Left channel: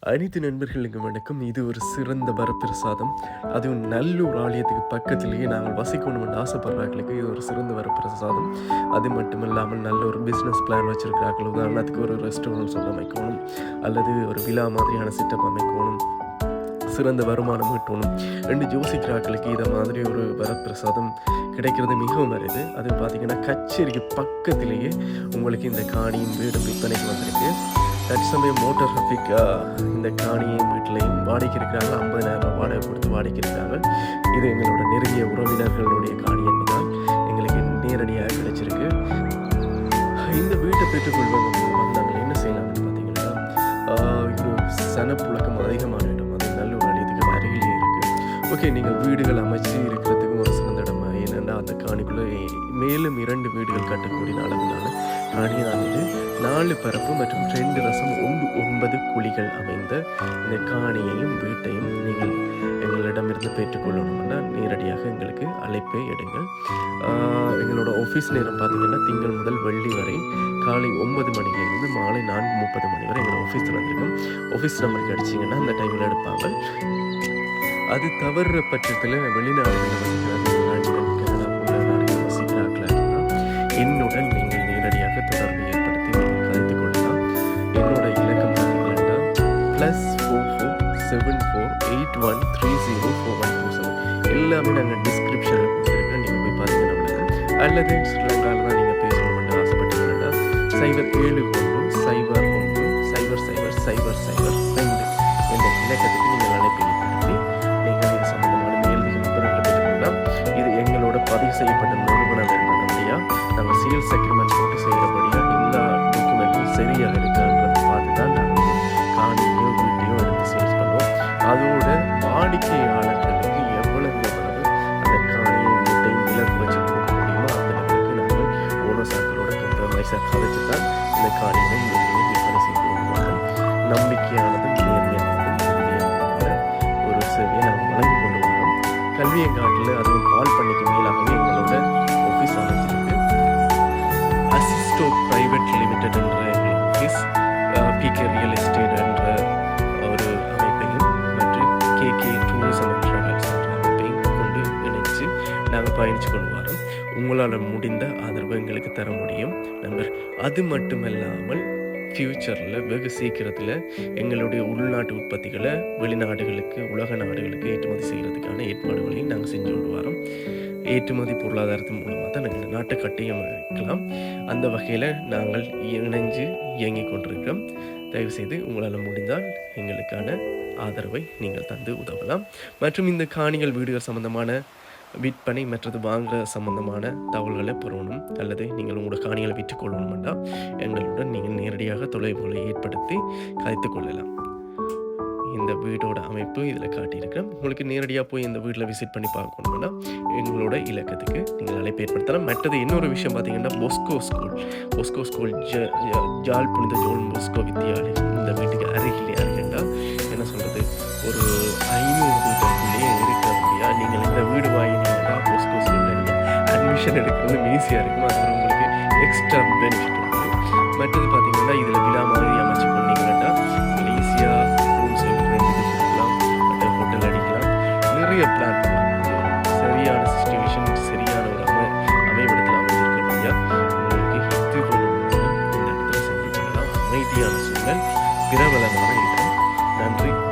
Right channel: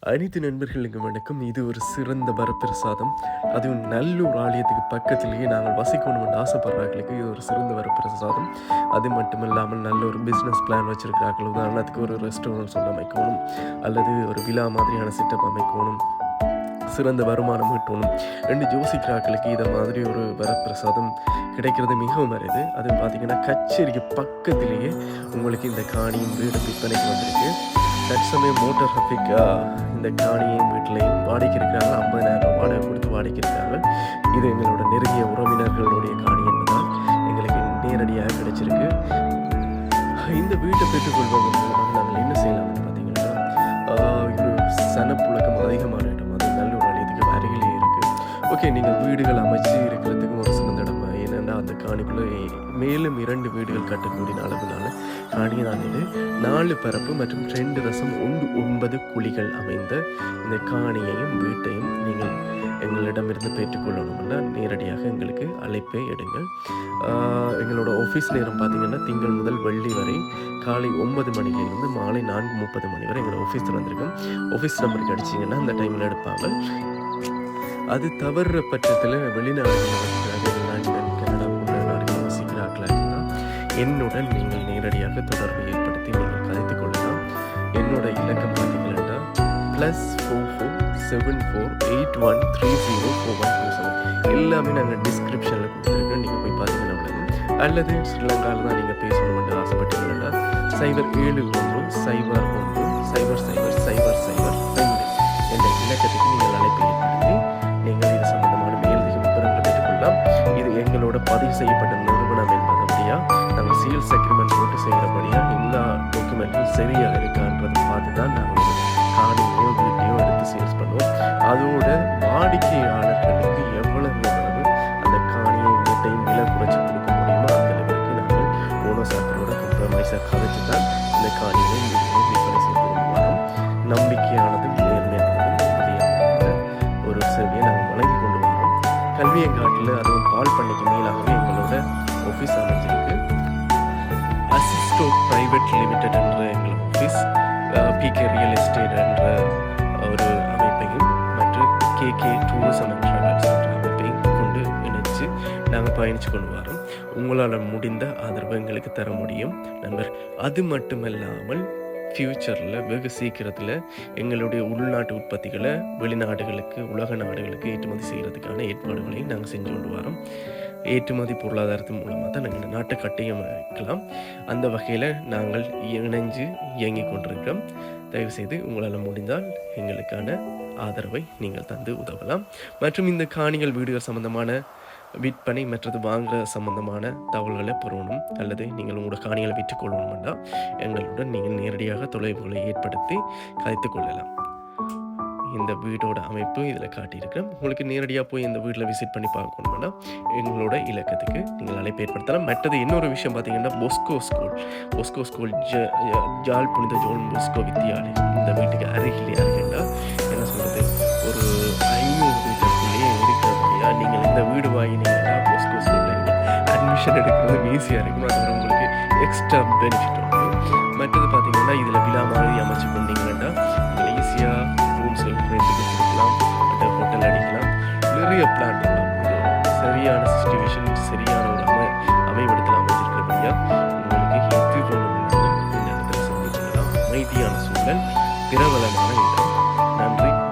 அனைத்து நண்பர்களுக்கும் வணக்கம். இது ஒரு சிறந்த வரப்பிரசாதம். அதுவும் நல்லூர் ஆலயத்துக்கு பக்கத்திலேயே நாங்கள் வசிக்கணும் என்று ஆசைப்படுறாங்களுக்கு இது ஒரு சிறந்த வரப்பிரசாதம். அது மட்டும் இல்லாமல் நல்ல ஒரு பிஸ்னஸ் பிளான் வச்சுருக்கிறார்கள். உதாரணத்துக்கு ஒரு ரெஸ்டாரண்ட் சொல்ல அமைக்கணும். அல்லது ஒரு விழா மாதிரியான சிட்டப் அமைக்கணும். சிறந்த வருமானம் ஈட்டணும் ரெண்டு ஜோசிக்கிறாக்களுக்கு இதை மாதிரி ஒரு வரப்பிரசாதம் கிடைக்கிறது மிகவும் அரிது. அது பார்த்தீங்கன்னா கச்சேரிக்கு பக்கத்திலேயே உங்களுக்கு இந்த காணியும் வீடும் விற்பனைக்கு வந்திருக்கு. தற்சமயம் மோட்டார் ஹஃபிக் இந்த காணியையும் வீட்டிலையும் வாடகைக்கு இருக்கிறாங்க ஐம்பதாயிரம் வாடகை கொடுத்து வாடகைக்கு இருக்கிறாங்க இது எங்களோட நெருங்கிய உறவினர்களுடைய காணி என்பதால் எங்களுக்கு நேரடியாக கிடைச்சிருக்கு. இந்த வீட்டை பெற்றுக்கொள்வதன் மூலமாக நாங்கள் என்ன செய்யலாம்னு பார்த்தீங்கன்னா ஒரு சனப்புழக்கம் அதிகமான இடம். அது நல்லூர் ஆலயத்துக்கு அருகிலே இருக்குது ஓகே நீங்கள் வீடுகள் அமைச்சு இருக்கிறதுக்கும் ஒரு சின்ன அந்த காணிக்குள்ளே மேலும் இரண்டு வீடுகள் கட்டக்கூடிய அளவிலான காணிதான் இது. நாலு பரப்பு மற்றும் ரெண்டு ரசம் ஒன்று ஒன்பது குழிகள் அமைந்த இந்த காணியையும் வீட்டையும் நீங்கள் எங்களிடமிருந்து பெற்றுக்கொள்ளணும்னா நேரடியாக எங்களுக்கு அழைப்பை எடுங்கள். எங்களோட ஆஃபீஸ் நேரம் பார்த்தீங்கன்னா திங்கள் முதல் வெள்ளி வரை காலை ஒன்பது மணிலேருந்து மாலை நான்கு முப்பது மணி வரை எங்களோட ஆஃபீஸ் வந்திருக்கும் ஆஃபீஸ் நம்பருக்கு அடிச்சிங்கன்னா அந்த டைமில் எடுப்பாங்க. அது தவறுற பட்சத்தில் வெளிநாடுகளில் வந்து என்னுடன் நீங்கள் நேரடியாக தொடர்பு ஏற்படுத்தி நீங்கள் கதைத்துக் கொள்ளலாம். என்னோட இலக்கம் பார்த்தீங்கன்னா plus four four seven four eight one three zero four one two seven எல்லாமே நாங்கள் டிஸ்கிரிப்ஷனில் கொடுத்துருக்கோம். நீங்கள் போய் பார்த்தீங்கன்னா அவ்வளவுதான். அல்லது ஸ்ரீலங்காவில் தான் நீங்கள் பேசணும்னு ஆசைப்பட்டீங்கன்னா சைபர் ஏழு ஒன்று சைபர் ஒன்று சைபர் சைபர் சைபர் சைபர் ரெண்டு என்ற இலக்கத்துக்கு நீங்கள் அழைப்பை ஏற்படுத்தி நீங்கள் இது சம்பந்தமான மேலதிக விவரங்களை பெற்றுக்கொள்ளலாம் இது எங்களோட பதிவு செய்யப்பட்ட நிறுவனம் என்பதபடியா நாங்கள் சேல்ஸ் அக்ரிமெண்ட் போட்டு செய்கிறபடியா எல்லா டாக்குமெண்ட்டும் சரியாக இருக்கான்றதை பார்த்து தான் நாங்கள் காணியோ வீட்டையோ எடுத்து சேல்ஸ் பண்ணுவோம். அதோட வாடிக்கையாளர்களுக்கு எவ்வளவு எவ்வளவு அந்த காணியை வீட்டையும் விலை குறைச்சி கொடுக்க முடியுமோ அந்த லெவலுக்கு நாங்கள் ஓனர்ஸாக்களோட கம்ப்ரமைஸாக கதைச்சு தான் இந்த காணியை வீட்டையும் விற்பனை செய்து கொண்டு நம்பிக்கையானதும் நேர்மையானதும் உறுதியான ஒரு சேவையை நாங்கள் வழங்கி கொண்டு வரோம். கல்வியங்காட்டில் அதுவும் பால் பண்ணைக்கு மேலாகவே எங்களோட ஆஃபீஸ் அமைஞ்சிருக்கு அசிஸ்டோ பிரைவேட் லிமிடெட் என்ற எங்கள் ஆஃபீஸ் பிகே ரியல் எஸ்டேட் என்ற ஒரு அமைப்பையும் மற்றும் கேகே டூரிசம் அண்ட் ட்ராவல்ஸ் என்ற அமைப்பையும் கொண்டு இணைச்சு நாங்கள் பயணித்து கொண்டு வரோம் உங்களால் முடிந்த ஆதரவு எங்களுக்கு தர முடியும் நண்பர் அது மட்டுமல்லாமல் ஃப்யூச்சரில் வெகு சீக்கிரத்தில் எங்களுடைய உள்நாட்டு உற்பத்திகளை வெளிநாடுகளுக்கு உலக நாடுகளுக்கு ஏற்றுமதி செய்கிறதுக்கான ஏற்பாடுகளையும் நாங்கள் செஞ்சு கொண்டு வரோம். ஏற்றுமதி பொருளாதாரத்தின் மூலமாக தான் நாங்கள் நாட்டை கட்டியமைக்கலாம் அந்த வகையில் நாங்கள் இணைஞ்சு இயங்கிக் கொண்டிருக்கிறோம். தயவுசெய்து உங்களால் முடிந்தால் எங்களுக்கான ஆதரவை நீங்கள் தந்து உதவலாம். மற்றும் இந்த காணிகள் வீடுகள் சம்பந்தமான விற்பனை மற்றது வாங்குற சம்பந்தமான தகவல்களை பெறணும். அல்லது நீங்கள் உங்களோட காணிகளை விற்றுக்கொள்ளணும் என்றால் எங்களுடன் நீங்கள் நேரடியாக தொலைவுகளை ஏற்படுத்தி கதைத்து கொள்ளலாம். இந்த வீடோட அமைப்பு இதில் காட்டியிருக்கிறேன் உங்களுக்கு நேரடியாக போய் இந்த வீட்டில் விசிட் பண்ணி பார்க்கணும்னா எங்களோட இலக்கத்துக்கு நீங்கள் அழைப்பு ஏற்படுத்தலாம் மற்றது இன்னொரு விஷயம் பார்த்தீங்கன்னா பொஸ்கோ ஸ்கூல் பொஸ்கோ ஸ்கூல் ஜ ஜால் புனித ஜோன் பொஸ்கோ வித்தியாலயம் இந்த வீட்டுக்கு அருகிலே அருகண்டா என்ன சொல்கிறது ஒரு ஐநூறு மீட்டருக்குள்ளேயே இருக்கிறபடியாக நீங்கள் இந்த வீடு வாங்கினீங்கன்னா பொஸ்கோ ஸ்கூலில் நீங்கள் அட்மிஷன் எடுக்கிறது ஈஸியாக இருக்கும். அது உங்களுக்கு எக்ஸ்ட்ரா பெனிஃபிட் உண்டு. மற்றது பார்த்தீங்கன்னா இதில் விழா மாதிரி அமைச்சு கொண்டீங்கன்னா நீங்கள் ஈஸியாக பெரிய பிளான் பண்ணலாம். சரியான சுச்சுவேஷன் சரியான ஒரு அமை அமைவிடத்தில் அமைஞ்சிருக்கிறபடியா உங்களுக்கு எது வேணும்னாலும் இந்த இடத்துல செஞ்சு கொள்ளலாம். அமைதியான சூழல் பிரபலமான இடம். நன்றி.